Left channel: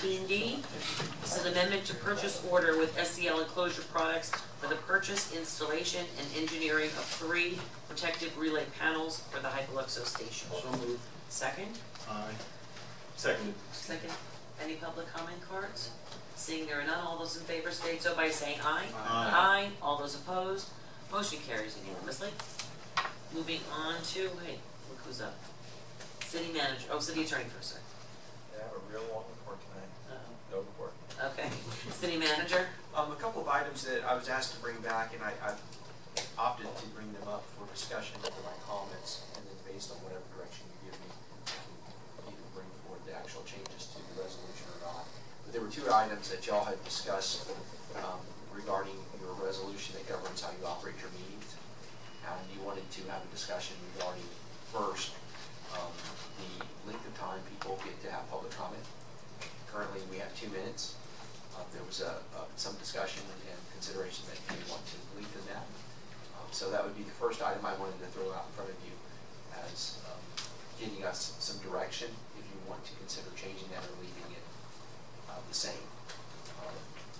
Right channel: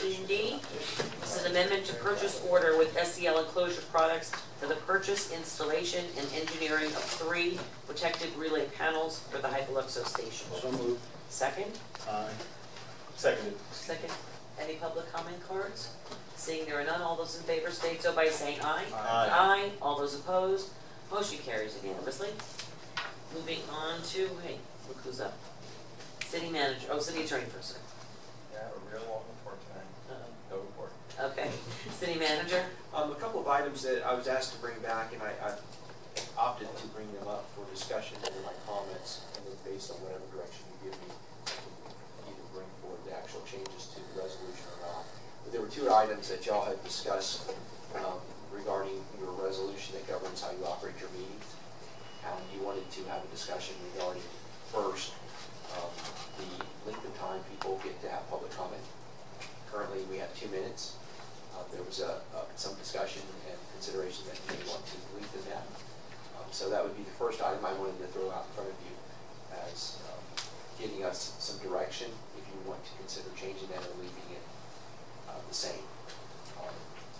15D. This is an amendment to purchase order with SCL Enclosure Products for the purchase, installation, and engineering of 3 protected relay panels for the Hypoluxo station. So moved. Second? Aye. Seconded. Second. Any public comment cards? Seeing there are none, all those in favor state so by saying aye. Aye. Aye. All those opposed, motion carries unanimously. Moving on to, hey, look who's up. City manager, city attorney first, sir. Yeah, I have a real long report tonight. No report. Okay. City manager? A couple of items that I was asked to bring back, and I opted to bring them up for discussion under my comments, and then based on whatever direction you give me, I can either bring forward the actual changes to the resolution or not. But there were 2 items that y'all had discussed regarding your resolution that governs how you operate your meetings. And you wanted to have a discussion regarding, first, the length of time people get to have public comment. Currently, we have 2 minutes. There was some discussion and consideration that you may want to lengthen that. So that would be the first item I wanted to throw out in front of you as giving us some direction if you want to consider changing that or leaving it the same.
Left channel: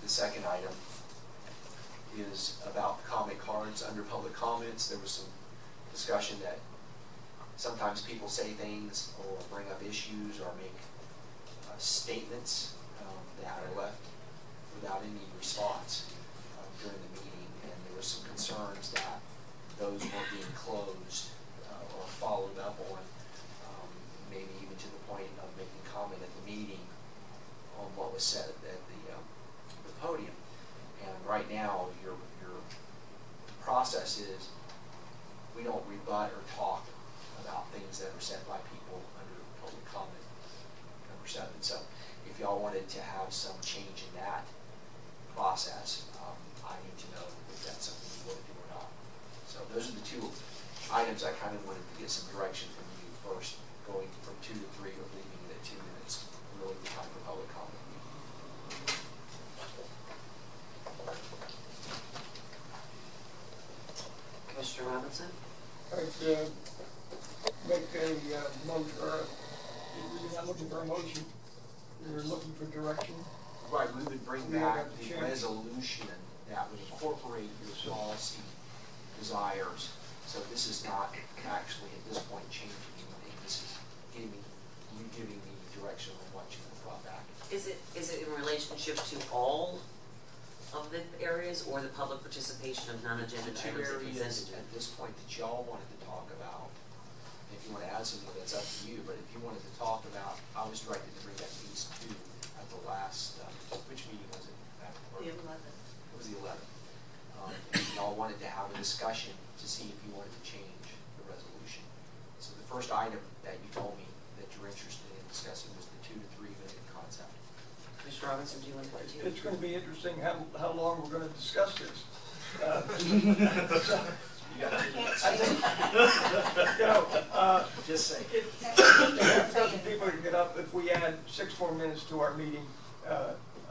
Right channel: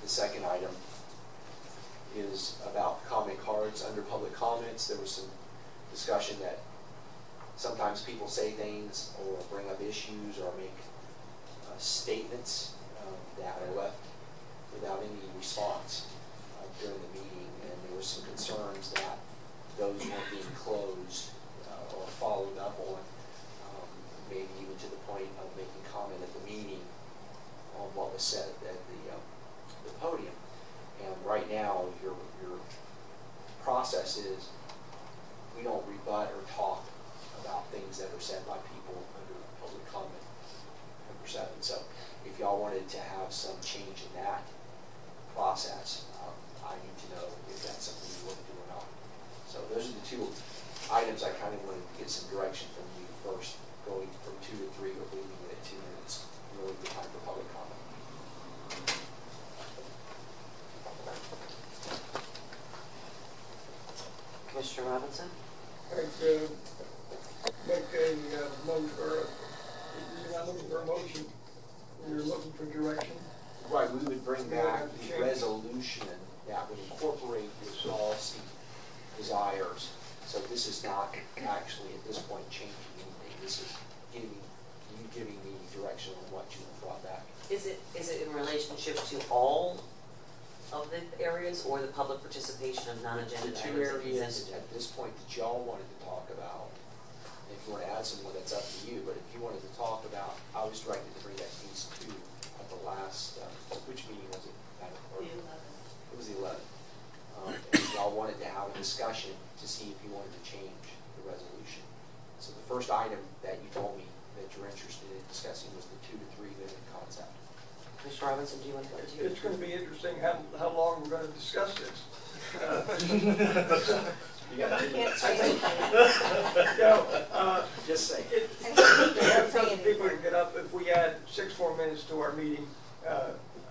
The second item is about comment cards. Under public comments, there was some discussion that sometimes people say things or bring up issues or make statements that are left without any response during the meeting, and there was some concerns that those weren't being closed or followed up on, maybe even to the point of making comment at the meeting on what was said at the podium. And right now, your process is we don't rebut or talk about things that are said by people under public comment, number 7. So if y'all wanted to have some change in that process, I need to know if that's something you want to do or not. So those are the 2 items I kind of wanted to get some direction from you first, going from 2 to 3 or leaving it at 2 minutes, really the time for public comment. Commissioner Robinson? I'd make a motion, or you're not looking for a motion, you're looking for direction. Right, we would bring back the resolution that would incorporate your policy desires. So this is not actually at this point changing anything. This is giving me direction on what you have brought back. Is it in relationship to all of the areas or the public participation of non-agenda The items 2 that areas presented? at this point that y'all wanted to talk about. If you want to add some more, that's up to you. But if you wanted to talk about, I was directed to bring that piece to at the last, which meeting was it? The 11th. It was the 11th. And y'all wanted to have a discussion to see if you wanted to change the resolution. So the first item that you told me that you're interested in discussing was the 2 to 3 minute concept. Mr. Robinson, do you want to continue? It's going to be interesting how long we're going to discuss this. You got 2 minutes. I think, Just say. People can get up. If we add 6 more minutes to our meeting,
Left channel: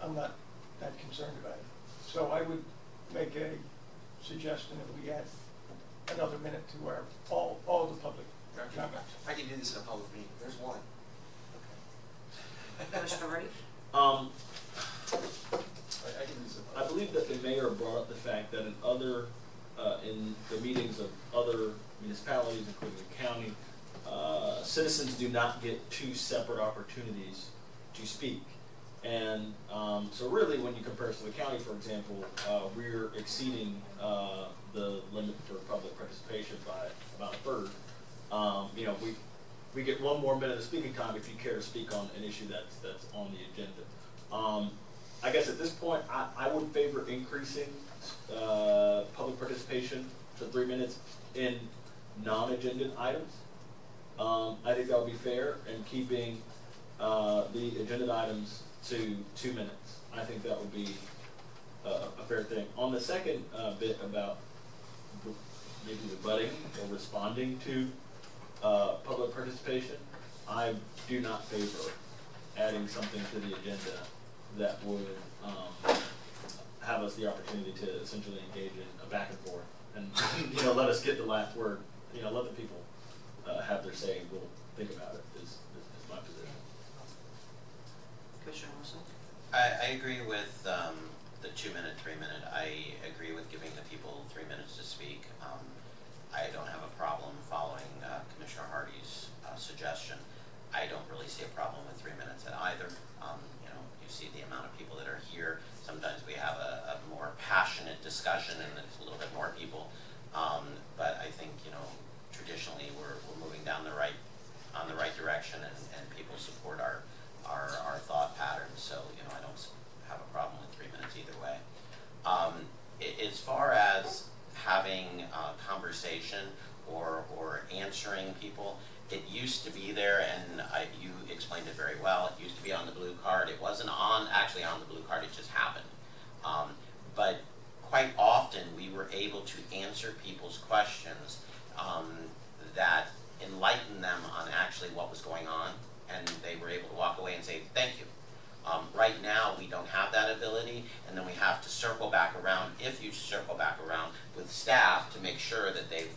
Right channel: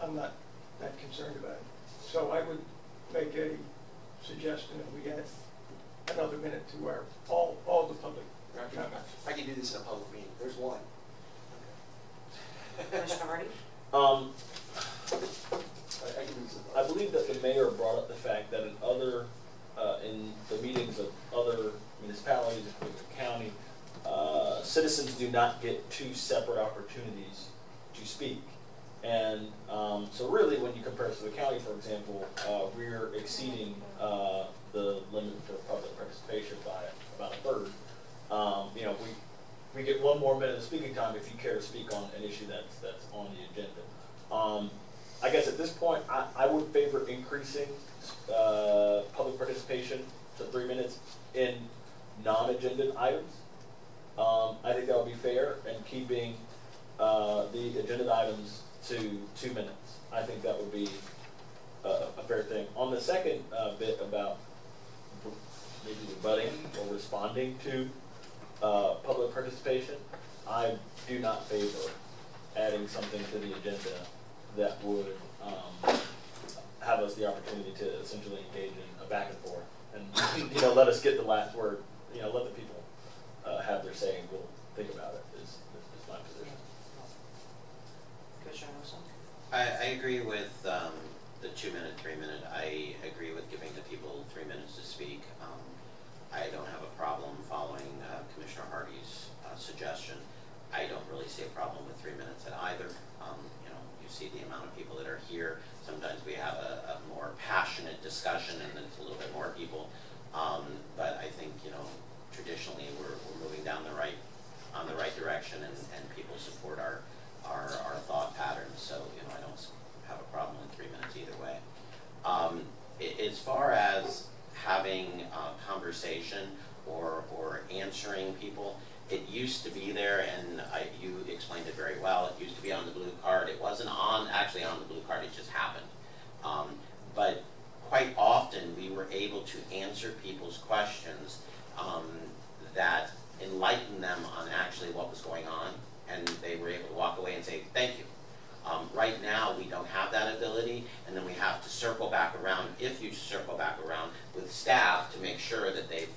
I'm not that concerned about it. So I would make a suggestion that we add another minute to our all the public comments. I can do this in a public meeting. There's one. Okay. Commissioner Hardy? I believe that the mayor brought up the fact that in the meetings of other municipalities, including the county, citizens do not get 2 separate opportunities to speak. And so really when you compare us to the county, for example, we're exceeding the limit for public participation by about 1/3. You know, we get 1 more minute of speaking time if you care to speak on an issue that's on the agenda. I guess at this point, I would favor increasing public participation to 3 minutes in non-agenda items. I think that would be fair, and keeping the agenda items to 2 minutes. I think that would be a fair thing. On the second bit about maybe rebutting or responding to public participation, I do not favor adding something to the agenda that would have us the opportunity to essentially engage in a back and forth and let us get the last word. Let the people have their say and we'll think about it. Is my position. Commissioner Russell? I agree with the 2 minute, 3 minute. I agree with giving the people 3 minutes to speak. I don't have a problem following Commissioner Hardy's suggestion. I don't really see a problem with 3 minutes at either. You know, you see the amount of people that are here. Sometimes we have a more passionate discussion and there's a little bit more people. But I think, you know, traditionally we're moving down the right direction, and people support our thought patterns. So, you know, I don't have a problem with 3 minutes either way. As far as having a conversation or answering people, it used to be there, and you explained it very well. It used to be on the blue card. It wasn't actually on the blue card, it just happened. But quite often we were able to answer people's questions that enlightened them on actually what was going on, and they were able to walk away and say, thank you. Right now we don't have that ability, and then we have to circle back around, if you circle back around with staff to make sure that they've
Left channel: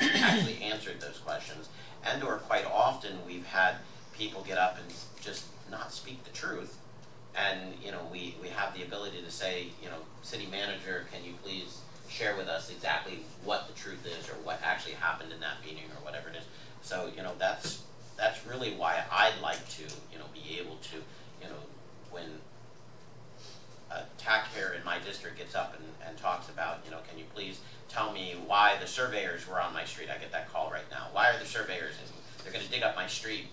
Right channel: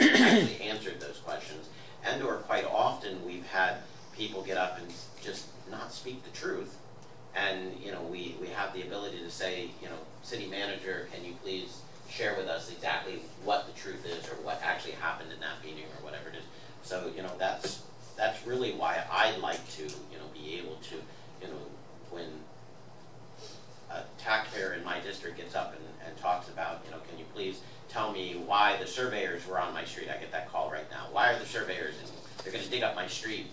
actually answered those questions. And or quite often we've had people get up and just not speak the truth. And, you know, we have the ability to say, you know, city manager, can you please share with us exactly what the truth is or what actually happened in that meeting or whatever it is. So, you know, that's really why I'd like to, you know, be able to, you know, when a taxpayer in my district gets up and talks about, you know, can you please tell me why the surveyors were on my street? I get that call right now. Why are the surveyors in? They're going to dig up my street.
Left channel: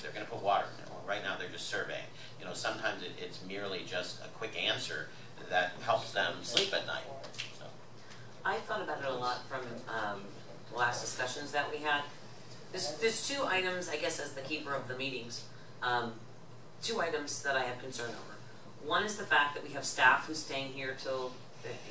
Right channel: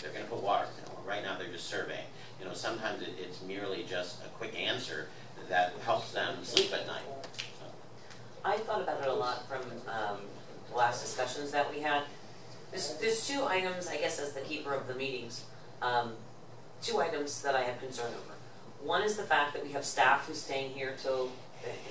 They're going to put water. You know, right now they're just surveying. You know, sometimes it's merely just a quick answer that helps them sleep at night. So. I thought about it a lot from last discussions that we had. There's two items, I guess, as the keeper of the meetings, two items that I have concern over. One is the fact that we have staff who's staying here till,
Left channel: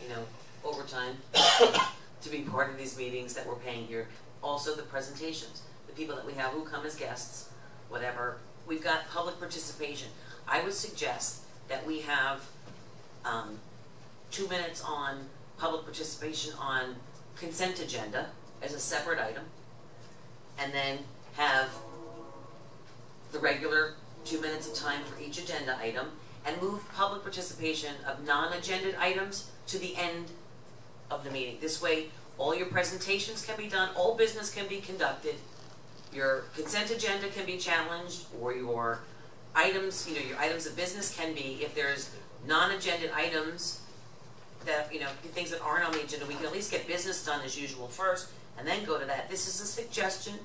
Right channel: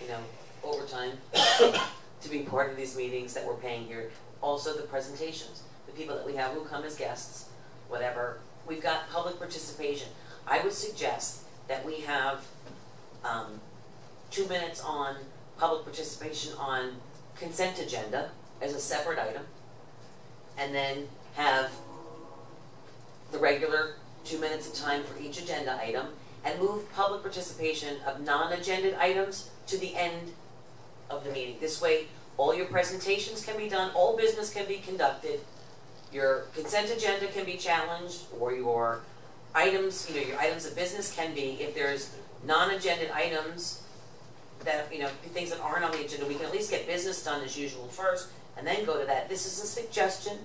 you know, overtime to be part of these meetings that we're paying here. Also the presentations, the people that we have who come as guests, whatever. We've got public participation. I would suggest that we have 2 minutes on public participation on consent agenda as a separate item, and then have the regular 2 minutes of time for each agenda item, and move public participation of non-agenda items to the end of the meeting. This way, all your presentations can be done, all business can be conducted, your consent agenda can be challenged, or your items, you know, your items of business can be, if there's non-agenda items that, you know, things that aren't on the agenda, we can at least get business done as usual first, and then go to that. This is a suggestion.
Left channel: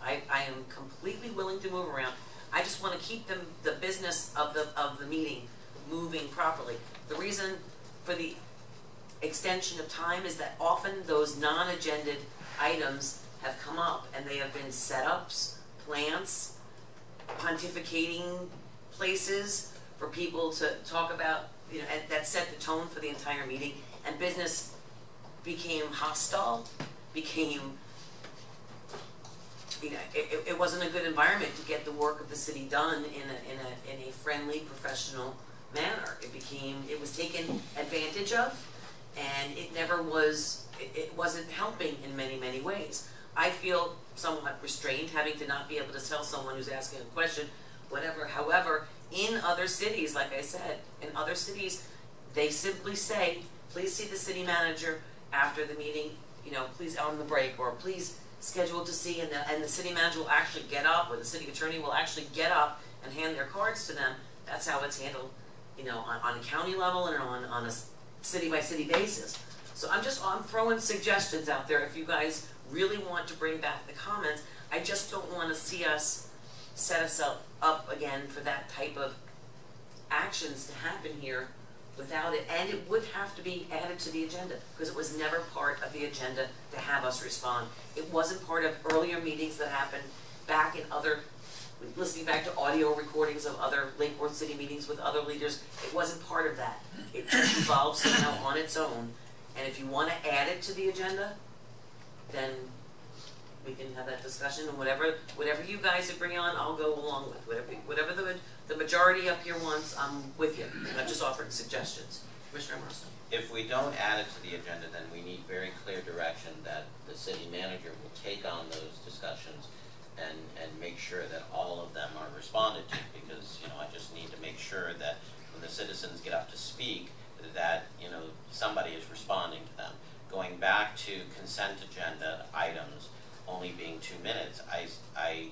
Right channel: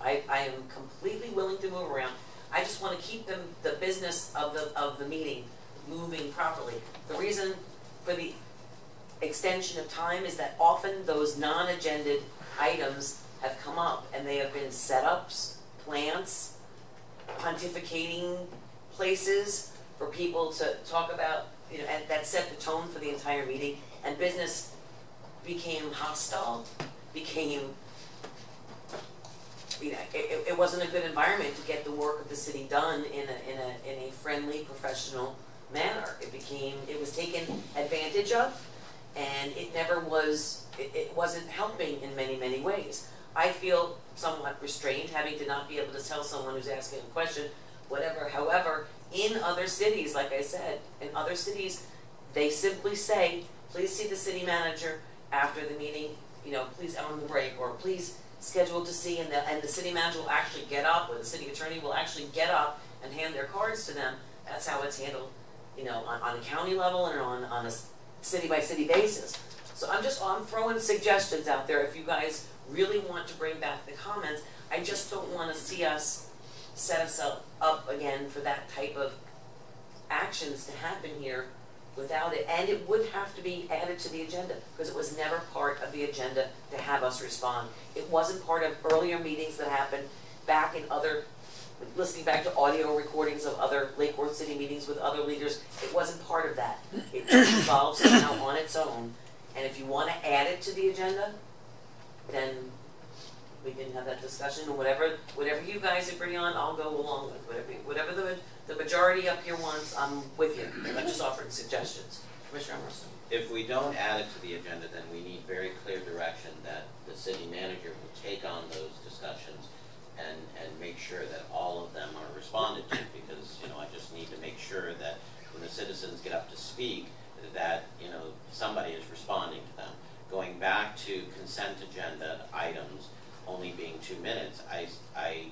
I am completely willing to move around. I just want to keep the business of the meeting moving properly. The reason for the extension of time is that often those non-agended items have come up, and they have been setups, plants, pontificating places for people to talk about, you know, and that set the tone for the entire meeting, and business became hostile, became, you know, it wasn't a good environment to get the work of the city done in a friendly, professional manner. It was taken advantage of, and it never was, it wasn't helping in many, many ways. I feel somewhat restrained having to not be able to tell someone who's asking a question, whatever. However, in other cities, like I said, in other cities, they simply say, please see the city manager after the meeting, you know, please on the break, or please schedule to see, and the city manager will actually get up, or the city attorney will actually get up and hand their cards to them. That's how it's handled, you know, on a county level and on a city-by-city basis. So I'm throwing suggestions out there. If you guys really want to bring back the comments, I just don't want to see us set ourselves up again for that type of actions to happen here without it. And it would have to be added to the agenda, because it was never part of the agenda to have us respond. It wasn't part of earlier meetings that happened back in other, listening back to audio recordings of other Lake Worth City meetings with other leaders. It wasn't part of that. It just evolved somehow on its own. And if you want to add it to the agenda, then we can have that discussion, and whatever you guys agree on, I'll go along with. Whatever the majority up here wants, I'm with you. I'm just offering suggestions. Commissioner Emerson. If we don't add it to the agenda, then we need very clear direction that the city manager will take on those discussions and make sure that all of them are responded to, because, you know, I just need to make sure that citizens get up to speak, that, you know, somebody is responding to them. Going back to consent agenda items only being 2 minutes, I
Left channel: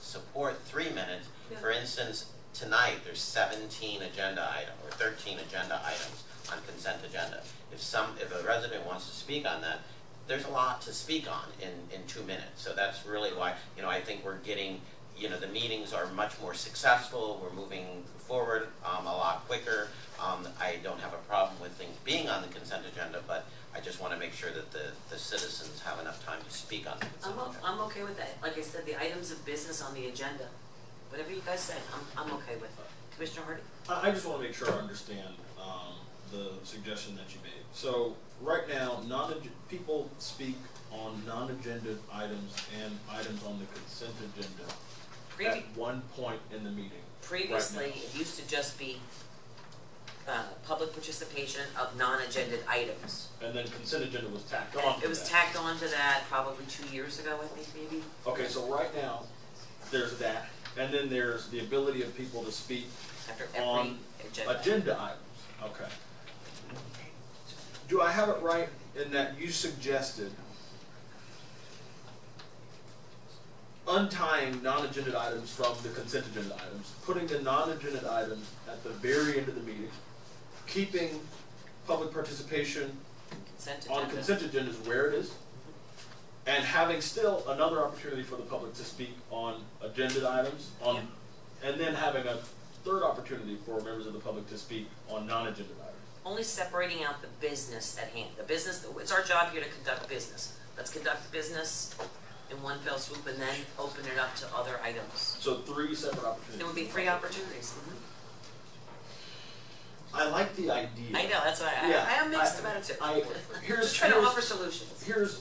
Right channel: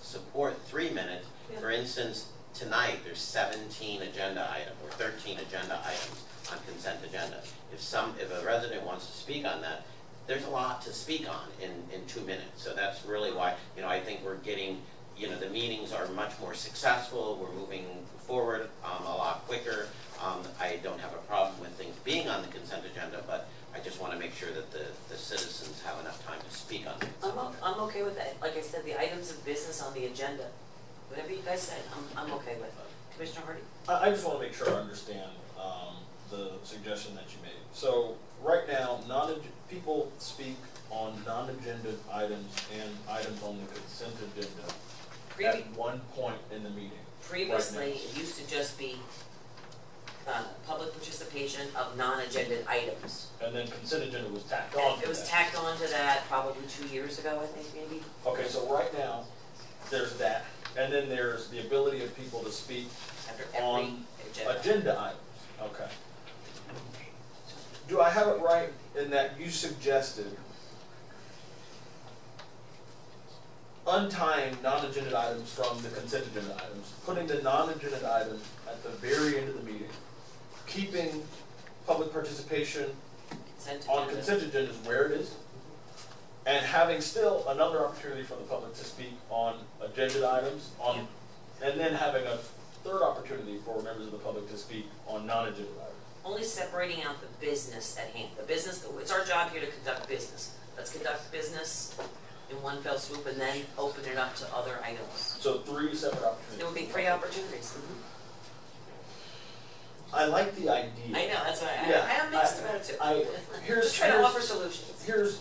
support 3 minutes. Yeah. For instance, tonight there's 17 agenda items, or 13 agenda items on consent agenda. If a resident wants to speak on that, there's a lot to speak on in 2 minutes. So that's really why, you know, I think we're getting, you know, the meetings are much more successful. We're moving forward a lot quicker. I don't have a problem with things being on the consent agenda, but I just want to make sure that the citizens have enough time to speak on the consent agenda. I'm okay with that. Like I said, the items of business on the agenda, whatever you guys say, I'm okay with. Commissioner Hardy? I just want to make sure I understand the suggestion that you made. So right now, people speak on non-agenda items and items on the consent agenda at one point in the meeting. Previously, right it used to just be public participation of non-agenda items. And then consent agenda was tacked on to It was that. tacked on to that probably 2 years ago, I think, maybe. Okay, so right now, there's that, and then there's the ability of people to speak After every on agenda. agenda items. Okay. Do I have it right in that you suggested untying non-agenda items from the consent agenda items, putting the non-agenda items at the very end of the meeting, keeping public participation Consent on agenda. consent agendas where it is, and having still another opportunity for the public to speak on agenda items, and then having a third opportunity for members of the public to speak on non-agenda items. Only separating out the business at hand. The business, it's our job here to conduct business. Let's conduct business in one fell swoop and then open it up to other items. So 3 separate opportunities. There would be 3 opportunities. I like the idea. I know, that's why Yeah, I am mixed about it too. Just trying to offer solutions. Here's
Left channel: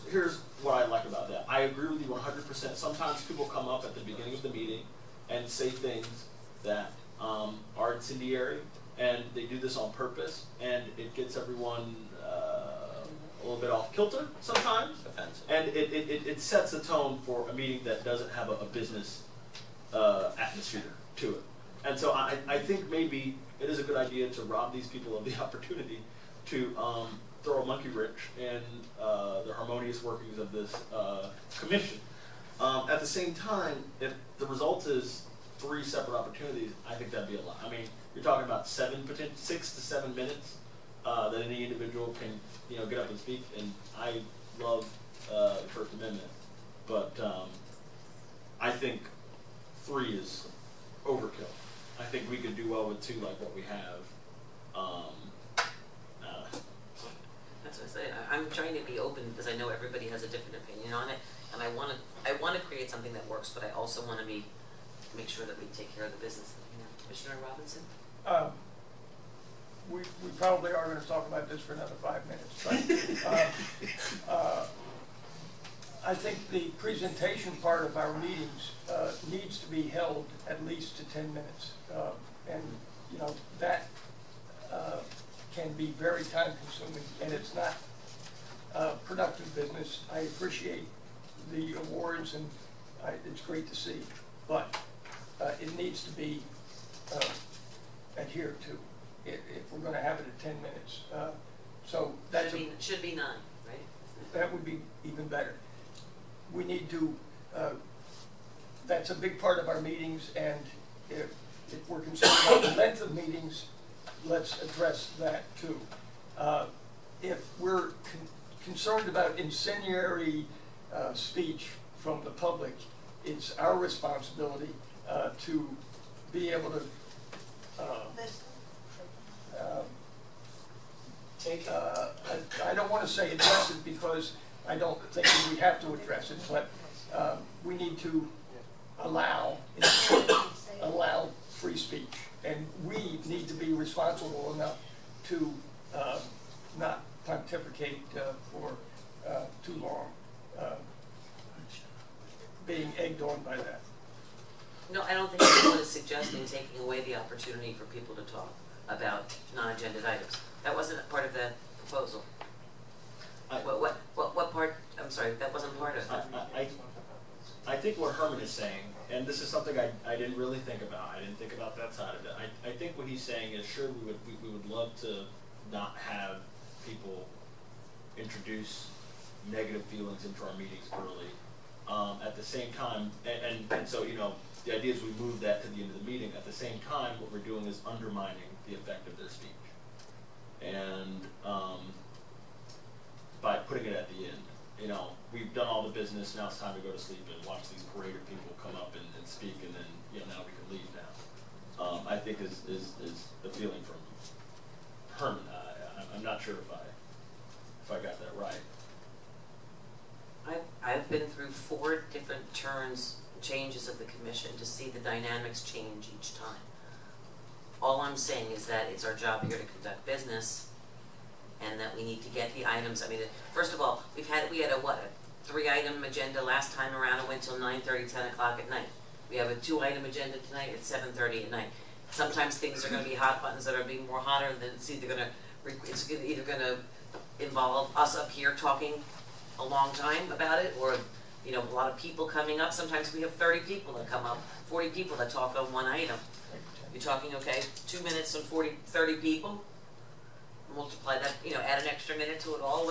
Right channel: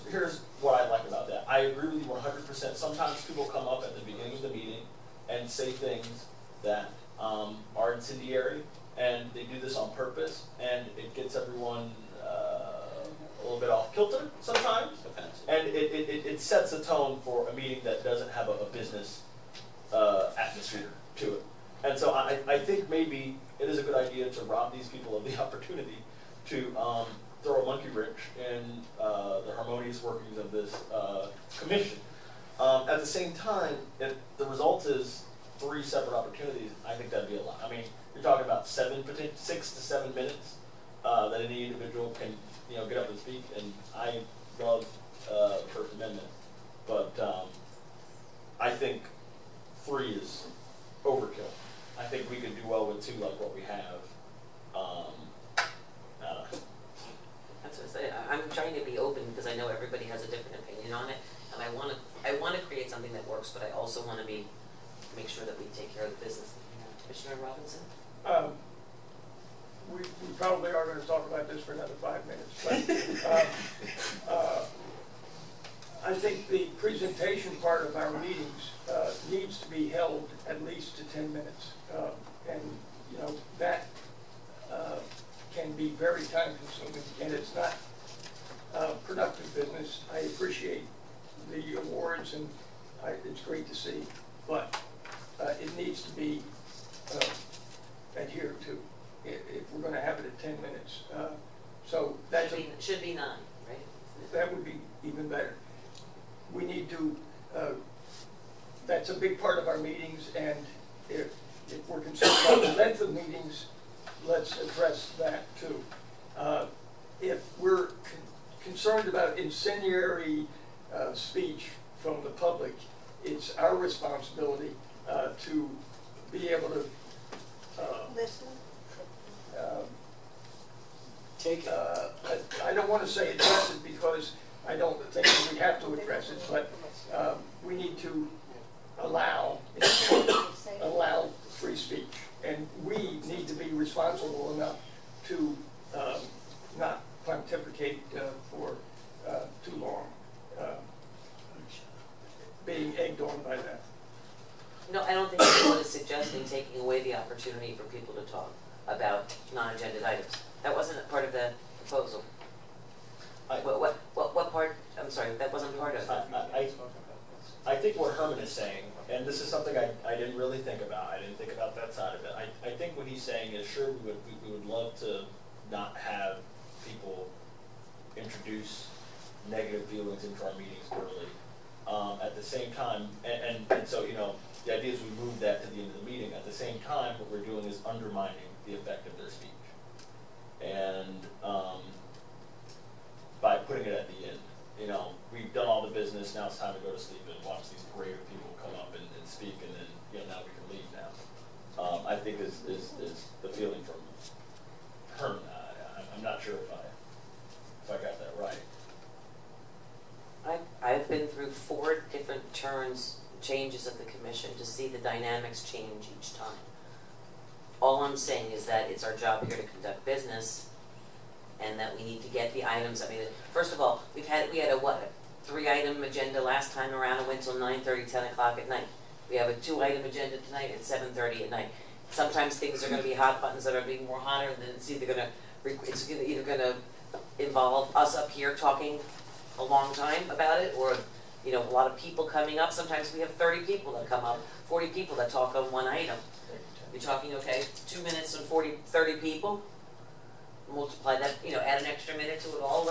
what I like about that. I agree with you 100%. Sometimes people come up at the beginning of the meeting and say things that are incendiary, and they do this on purpose, and it gets everyone a little bit off kilter sometimes, Offensive. and it sets a tone for a meeting that doesn't have a business atmosphere to it. And so I think maybe it is a good idea to rob these people of the opportunity to throw a monkey wrench in the harmonious workings of this commission. At the same time, if the result is 3 separate opportunities, I think that'd be a lot. I mean, you're talking about 6 to 7 minutes that any individual can, get up and speak. And I love the First Amendment, but I think 3 is overkill. I think we could do well with 2, like what we have. That's what I say. I'm trying to be open because I know everybody has a different opinion on it, and I want to create something that works, but I also want to make sure that we take care of the business. Commissioner Robinson. We probably are going to talk about this for another 5 minutes, but I think the presentation part of our meetings needs to be held at least to 10 minutes, and that can be very time consuming, and it's not productive business. I appreciate the awards, and it's great to see, but it needs to be adhered to if we're going to have it at 10 minutes. So that should be 9, right? That would be even better. We need to, that's a big part of our meetings, and if we're concerned about the length of meetings, let's address that too. If we're concerned about incendiary speech from the public, it's our responsibility to be able to listen. I don't want to say address it because I don't think we have to address it, but we need to allow free speech, and we need to be responsible enough to not pontificate for too long, being egged on by that. No, I don't think anyone is suggesting taking away the opportunity for people to talk about non-agenda items. That wasn't part of the proposal. What part? I'm sorry, that wasn't part of it. I think what Herman is saying, and this is something I didn't really think about, I didn't think about that side of it. I think what he's saying is, sure, we would love to not have people introduce negative feelings into our meetings early. At the same time, and so, you know, the idea is we move that to the end of the meeting. At the same time, what we're doing is undermining the effect of their speech. And by putting it at the end, you know, we've done all the business, now it's time to go to sleep and watch these parade of people come up and speak, and then, you know, now we can leave now. I think is the feeling from Herman. I'm not sure if I got that right. I've been through 4 different changes of the commission to see the dynamics change each time. All I'm saying is that it's our job here to conduct business, and that we need to get the items. I mean, first of all, we had a 3-item agenda last time around. It went till 9:30, 10 o'clock at night. We have a 2-item agenda tonight at 7:30 at night. Sometimes things are going to be hot buttons that are being more hotter, than it's either going to involve us up here talking a long time about it, or, you know, a lot of people coming up. Sometimes we have 30 people that come up, 40 people that talk on one item. You're talking, okay, 2 minutes and 30 people. Multiply that, you know, add an extra minute to it all,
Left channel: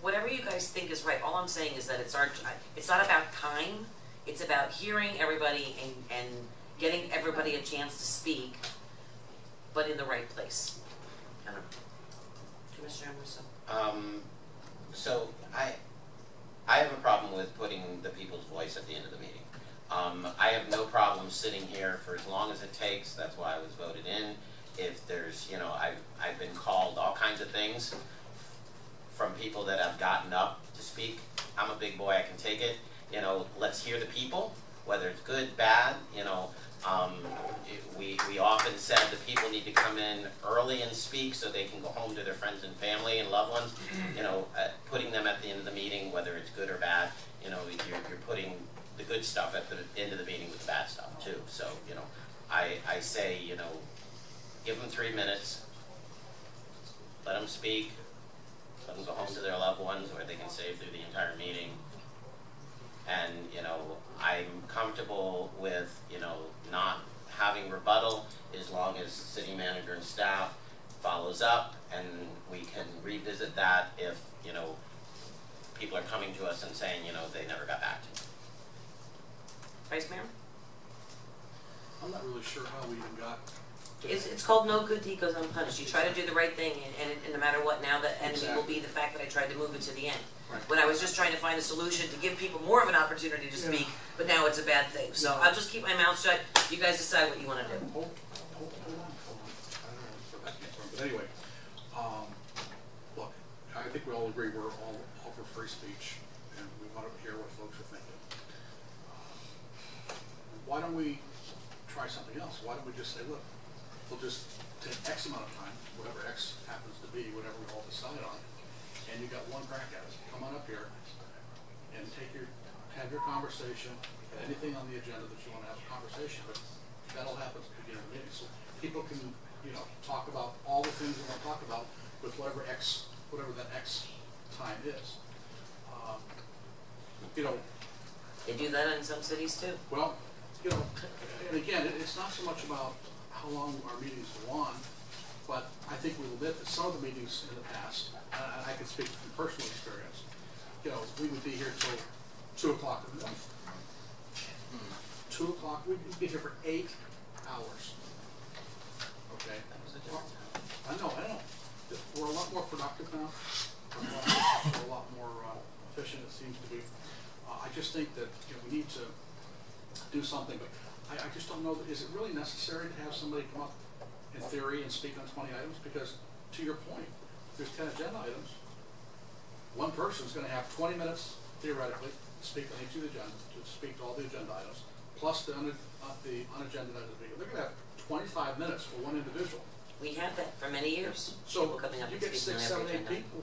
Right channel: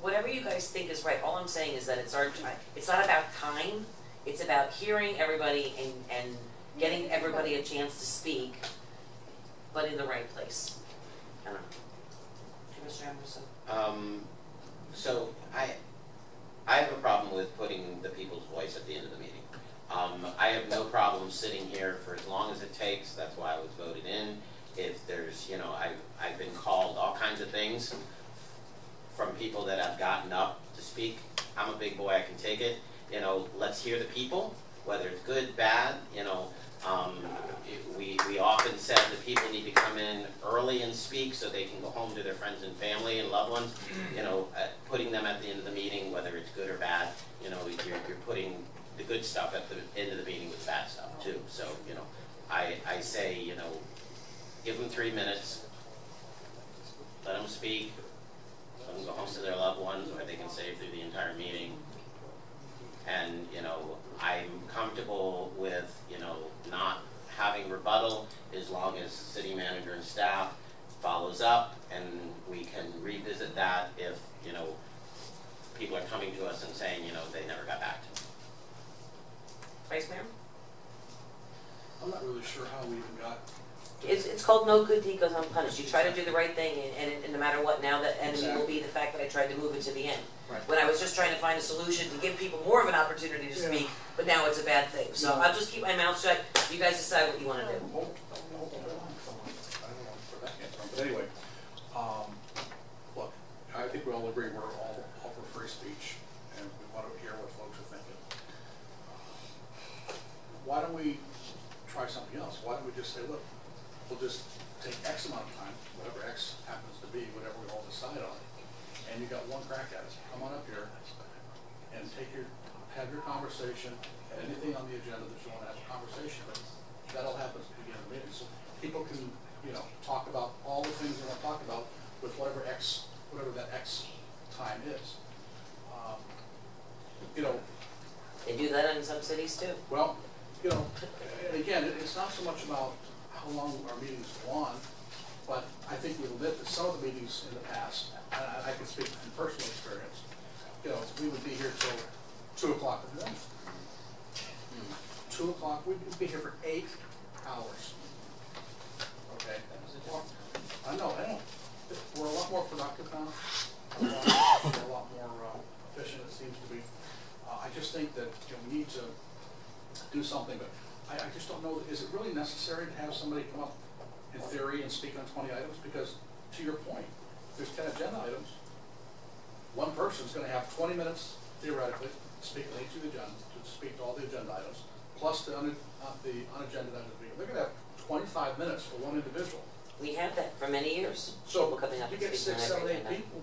whatever you guys think is right. All I'm saying is that it's not about time, it's about hearing everybody and getting everybody a chance to speak, but in the right place. I don't know. Commissioner Emerson? So I have a problem with putting the people's voice at the end of the meeting. I have no problem sitting here for as long as it takes. That's why I was voted in. If there's, you know, I've been called all kinds of things from people that have gotten up to speak. I'm a big boy, I can take it. You know, let's hear the people, whether it's good, bad, you know. We often said that people need to come in early and speak so they can go home to their friends and family and loved ones. You know, putting them at the end of the meeting, whether it's good or bad, you know, you're putting the good stuff at the end of the meeting with the bad stuff too. So, you know, I say, you know, give them 3 minutes, let them speak, let them go home to their loved ones, or they can stay through the entire meeting. And, you know, I'm comfortable with, you know, not having rebuttal as long as city manager and staff follows up, and we can revisit that if, you know, people are coming to us and saying, you know, they never got back to me. Vice Mayor? I'm not really sure how we even got. It's called no good deed goes unpunished. You try to do the right thing, and no matter what, now the enemy will be the fact that I tried to move it to the end. Right. When I was just trying to find a solution to give people more of an opportunity to speak, but now it's a bad thing. So I'll just keep my mouth shut. You guys decide what you want to do. I don't know where that came from, but anyway, look, I think we all agree we're all for free speech, and we want to hear what folks are thinking. Why don't we try something else? Why don't we just say, look, we'll just take X amount of time, whatever X happens to be, whatever we all decide on, and you got one crack at it. Come on up here and have your conversation, anything on the agenda that you want to have a conversation, but that all happens at the beginning of the meeting. So people can, you know, talk about all the things they want to talk about with whatever that X time is. You know, They do that in some cities too. well, you know, and again, it's not so much about how long our meetings go on, but I think we'll admit that some of the meetings in the past, and I can speak from personal experience, you know, we would be here till 2 o'clock in the morning. 2 o'clock, we'd be here for 8 hours. Okay? I know. We're a lot more productive now. We're a lot more efficient, it seems to be. I just think that, you know, we need to do something, but I just don't know, is it really necessary to have somebody come up in theory and speak on 20 items? Because to your point, if there's 10 agenda items, one person's going to have 20 minutes theoretically to speak on each of the agenda, to speak to all the agenda items, plus the unagenda items. They're going to have 25 minutes for one individual. We had that for many years. So People coming up you and get speaking 6, on 7, every 8 agenda. people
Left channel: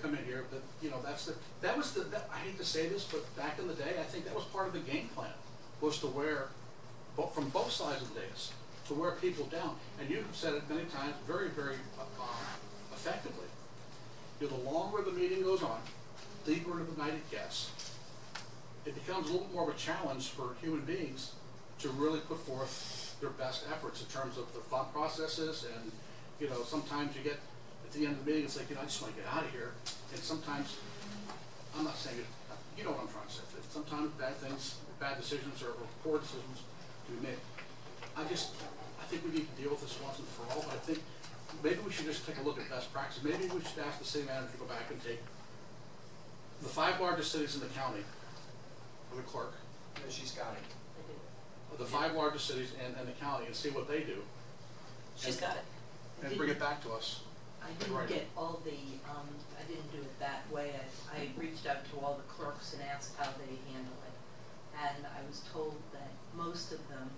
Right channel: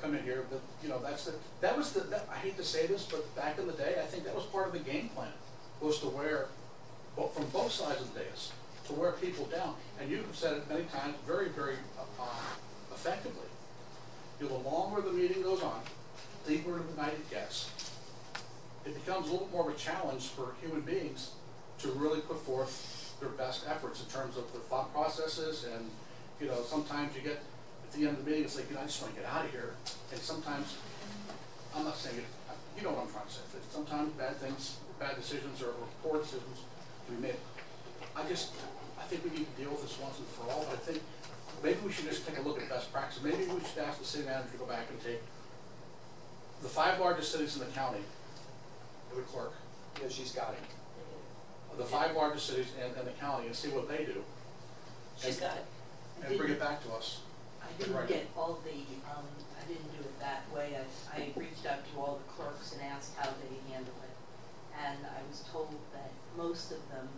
come in here, but you know, I hate to say this, but back in the day, I think that was part of the game plan, was to wear, from both sides of the dais, to wear people down. And you have said it many times, very, very effectively. You know, the longer the meeting goes on, deeper into the night it gets, it becomes a little bit more of a challenge for human beings to really put forth their best efforts in terms of their thought processes. And, you know, sometimes you get, at the end of the meeting, it's like, you know, I just want to get out of here. And sometimes, I'm not saying it, you know what I'm trying to say. Sometimes bad decisions or poor decisions can be made. I think we need to deal with this once and for all, but I think maybe we should just take a look at best practices. Maybe we should ask the city manager to go back and take the 5 largest cities in the county, or the clerk, No, she's got it. the 5 largest cities in the county, and see what they do. She's got it. And bring it back to us. I didn't get all the, I didn't do it that way. I reached out to all the clerks and asked how they handle it. And I was told that most of them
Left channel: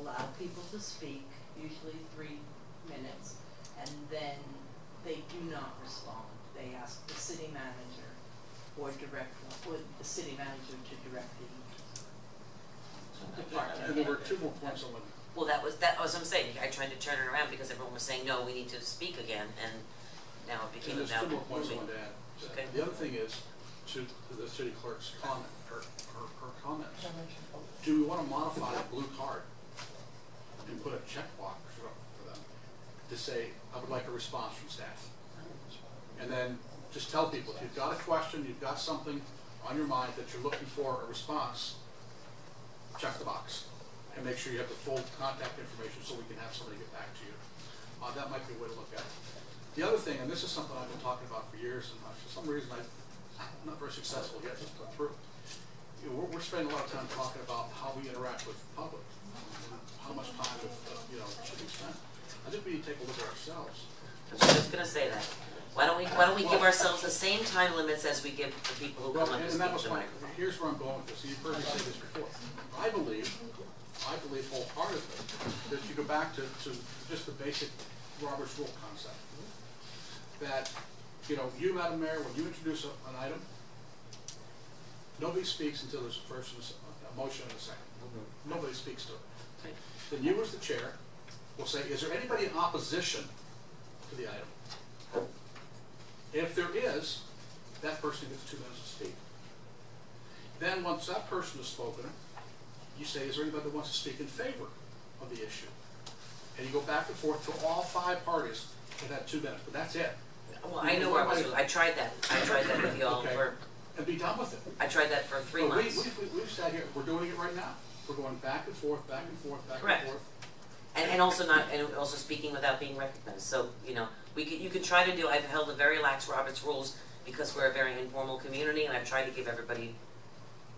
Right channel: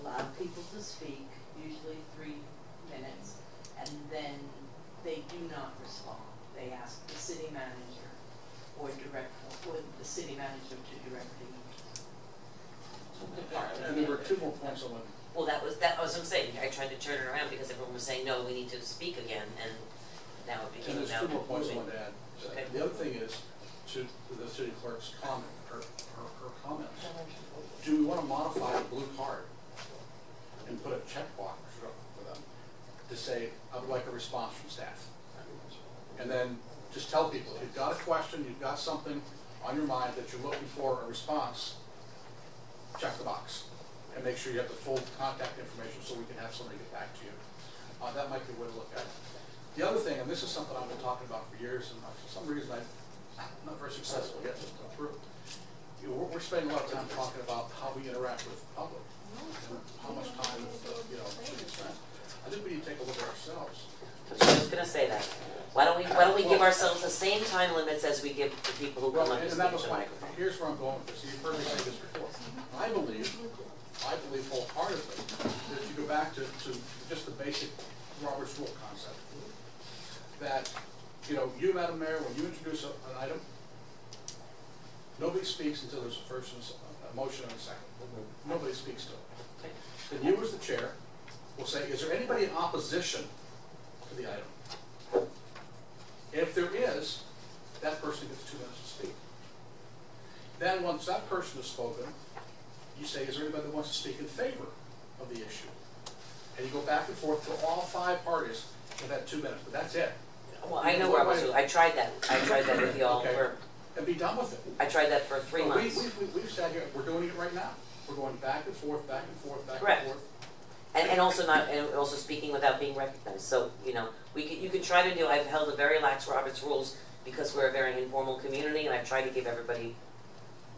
allow people to speak, usually 3 minutes, and then they do not respond. They ask the city manager or the city manager to direct the department. And there were 2 more points I wanted. Well, that was what I'm saying. I tried to turn it around because everyone was saying, no, we need to speak again, and now it became And there's about 2 more points I moving. wanted to add. Okay. The other thing is, to the city clerk's comment, her comments, do we want to modify the blue card and put a checkbox for them to say, I would like a response from staff? And then just tell people, if you've got a question, you've got something on your mind that you're looking for a response, check the box. And make sure you have the full contact information so we can have somebody get back to you. That might be a way to look at it. The other thing, and this is something I've been talking about for years, and for some reason I'm not very successful yet to come through. You know, we're spending a lot of time talking about how we interact with the public and how much time should be spent. I think we need to take a look at ourselves. I was just gonna say that. Why don't we give ourselves the same time limits as we give the people who come up to And speak that was to the microphone? here's where I'm going with this. You've heard me say this before. I believe wholeheartedly that if you go back to just the basic Robert's Rule concept, that, you know, you, Madam Mayor, when you introduce an item, nobody speaks until there's a motion and a second. Nobody speaks to it. Then you, as the chair, will say, is there anybody in opposition to the item? If there is, that person gets 2 minutes to speak. Then once that person has spoken, you say, is there anybody that wants to speak in favor of the issue? And you go back and forth till all 5 parties have had 2 minutes, but that's it. Well, I know Robert's Rule. I tried that. I tried that with y'all Okay. for. And be done with it. I tried that for 3 Well, months. We've sat here, we're doing it right now. We're going back and forth, back and forth, back Correct. and forth. And also speaking without being recognized. So, you know, you can try to do, I've held a very lax Robert's Rules because we're a very informal community, and I've tried to give everybody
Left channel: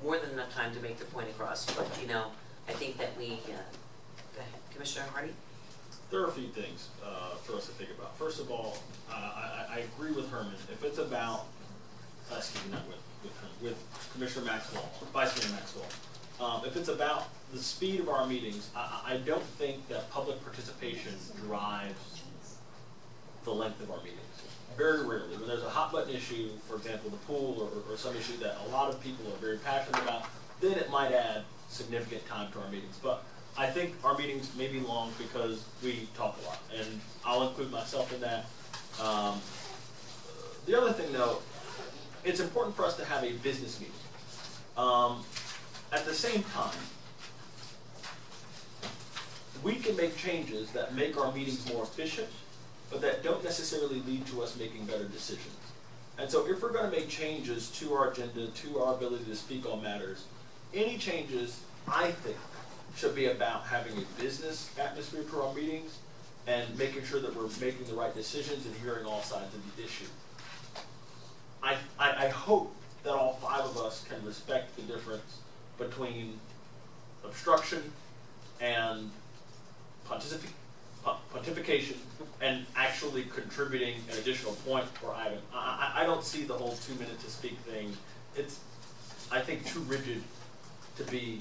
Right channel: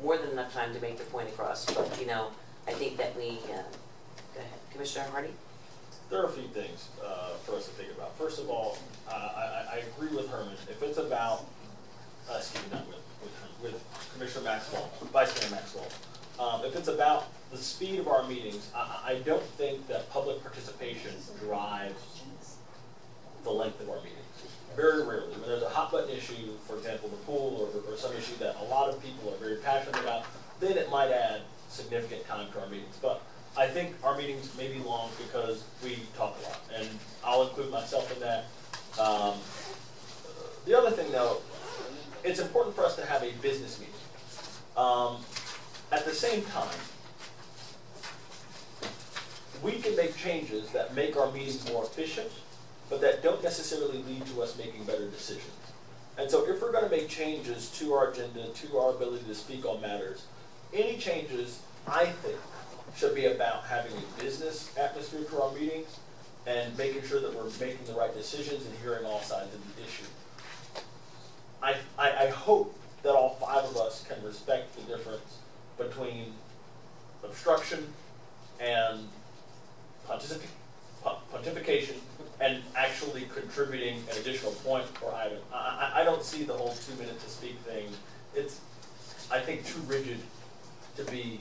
more than enough time to make their point across. But, you know, I think that we, go ahead, Commissioner Hardy? There are a few things for us to think about. First of all, I agree with Herman. If it's about, excuse me, not with Commissioner Maxwell, Vice Mayor Maxwell, if it's about the speed of our meetings, I don't think that public participation drives the length of our meetings. Very rarely. When there's a hot button issue, for example, the pool or some issue that a lot of people are very passionate about, then it might add significant time to our meetings. But I think our meetings may be long because we talk a lot, and I'll include myself in that. The other thing, though, it's important for us to have a business meeting. At the same time, we can make changes that make our meetings more efficient, but that don't necessarily lead to us making better decisions. And so if we're going to make changes to our agenda, to our ability to speak on matters, any changes, I think, should be about having a business atmosphere to our meetings and making sure that we're making the right decisions and hearing all sides of the issue. I hope that all 5 of us can respect the difference between obstruction and pontification and actually contributing an additional point or item. I don't see the whole 2 minutes to speak thing. It's, I think, too rigid to be,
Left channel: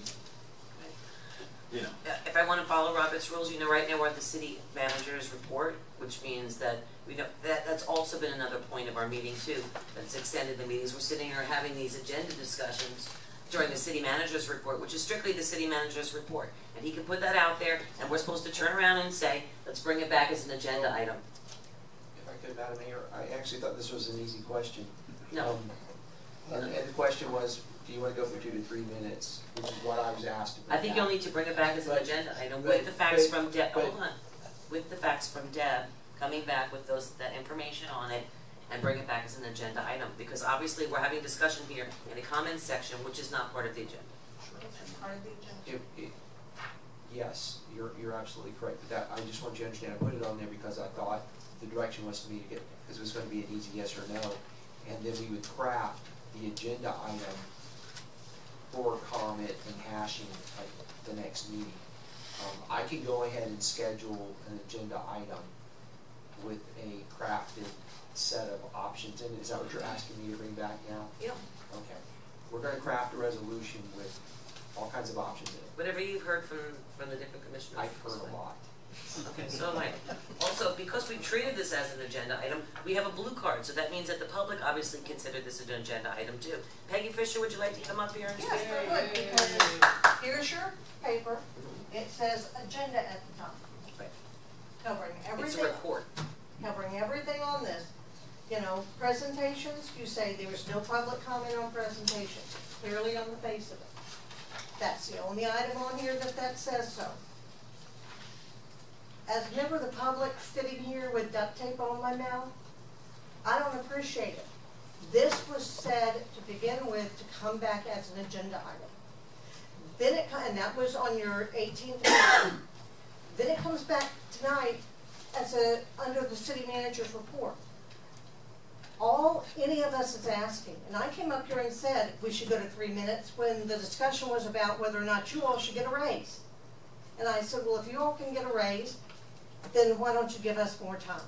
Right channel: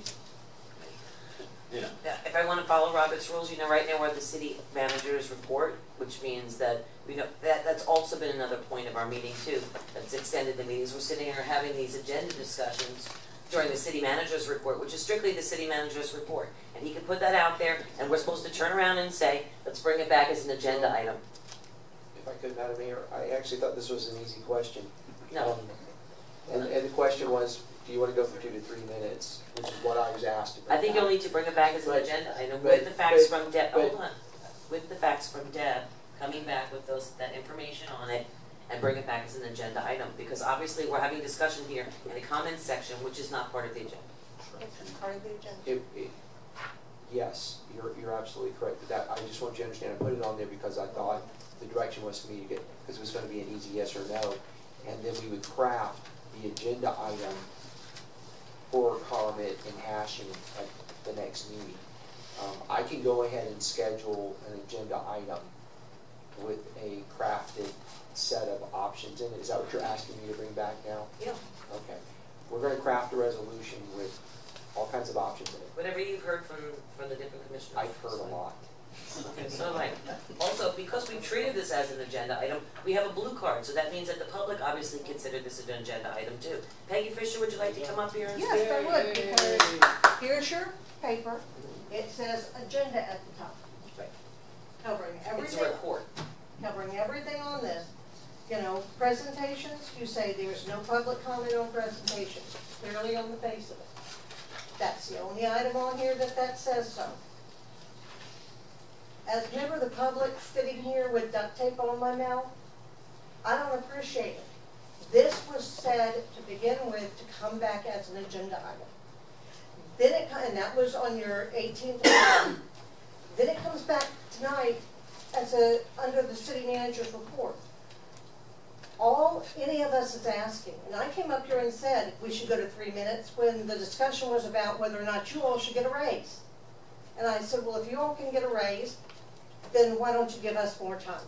you know. Yeah, if I want to follow Robert's Rules, you know, right now we're at the city manager's report, which means that we know that's also been another point of our meeting too. That's extended the meetings. We're sitting here having these agenda discussions during the city manager's report, which is strictly the city manager's report, and he can put that out there, and we're supposed to turn around and say, let's bring it back as an agenda item. If I could, Madam Mayor, I actually thought this was an easy question. No. And the question was, do you wanna go for 2 to 3 minutes, which is what I was asked to bring I think back? you'll need to bring it back as an But- agenda item but- with the facts but- from Deb, but- hold on. With the facts from Deb, coming back with that information on it, and bring it back as an agenda item, because obviously we're having discussion here in the comments section, which is not part of the agenda. It's part of the agenda. Yes, you're absolutely correct, but that, I just want you to understand, I put it on there because I thought the direction was for me to get, because it was gonna be an easy yes or no, and then we would craft the agenda item for comment and hashing at the next meeting. I can go ahead and schedule an agenda item with a crafted set of options in it. Is that what you're asking me to bring back now? Yeah. Okay. We're gonna craft a resolution with all kinds of options in it. Whatever you've heard from the different commissioners. I've heard a lot. Okay, so have I. Also, because we've treated this as an agenda item, we have a blue card, so that means that the public obviously considered this an agenda item too. Peggy Fisher, would you like to come up here and speak? Yes, I would, because here's your paper, it says agenda at the top. Right. Covering It's everything. a report. Covering everything on this. You know, presentations, you say there's no public comment on presentations, clearly on the face of it. That's the only item on here that says so. As a member of the public sitting here with duct tape on my mouth, I don't appreciate it. This was said to begin with to come back as an agenda item. Then and that was on your 18th. Then it comes back tonight as under the city manager's report. All any of us is asking, and I came up here and said we should go to 3 minutes when the discussion was about whether or not you all should get a raise. And I said, well, if you all can get a raise, then why don't you give us more time?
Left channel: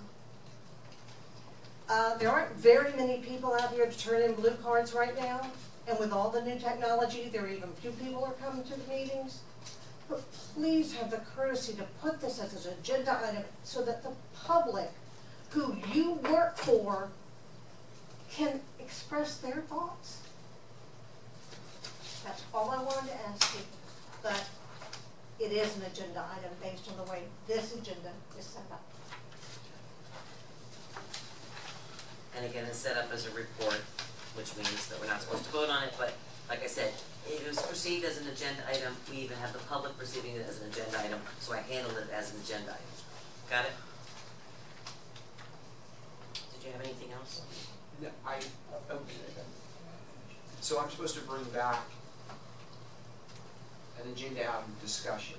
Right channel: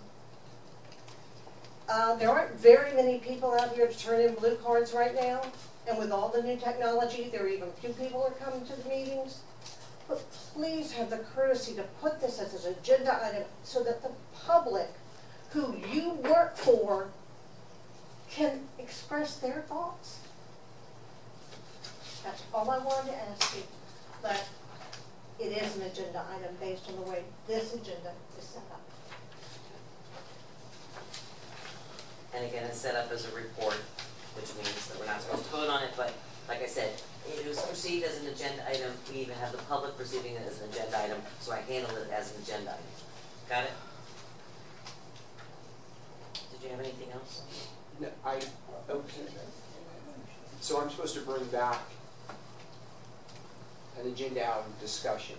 There aren't very many people out here to turn in blue cards right now, and with all the new technology, there are even few people are coming to the meetings. But please have the courtesy to put this as an agenda item so that the public who you work for can express their thoughts. That's all I wanted to ask you, but it is an agenda item based on the way this agenda is set up. And again, it's set up as a report, which means that we're not supposed to vote on it, but like I said, it was perceived as an agenda item. We even have the public perceiving it as an agenda item, so I handled it as an agenda item. Got it? Did you have anything else? No, so I'm supposed to bring back an agenda item discussion,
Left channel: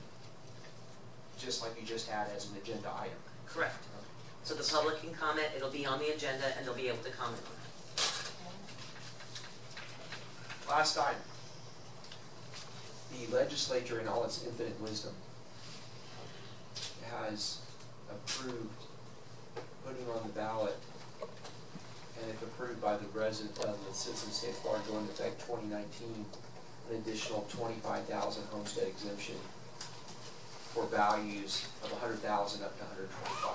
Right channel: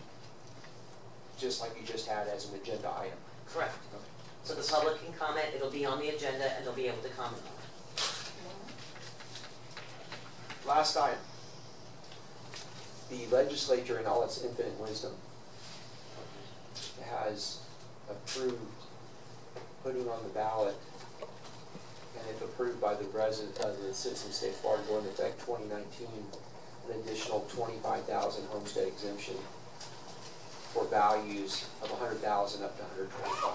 just like you just had as an agenda item. Correct. Okay. So the public can comment, it'll be on the agenda, and they'll be able to comment on it. Last item. The legislature, in all its infinite wisdom, has approved putting on the ballot, and if approved by the citizens of the state of Florida, going into effect 2019, an additional 25,000 homestead exemption for values of 100,000 up to 125.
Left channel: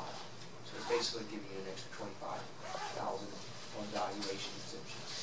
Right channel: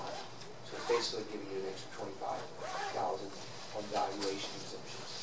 So it's basically giving you an extra 25,000 on valuation exemptions.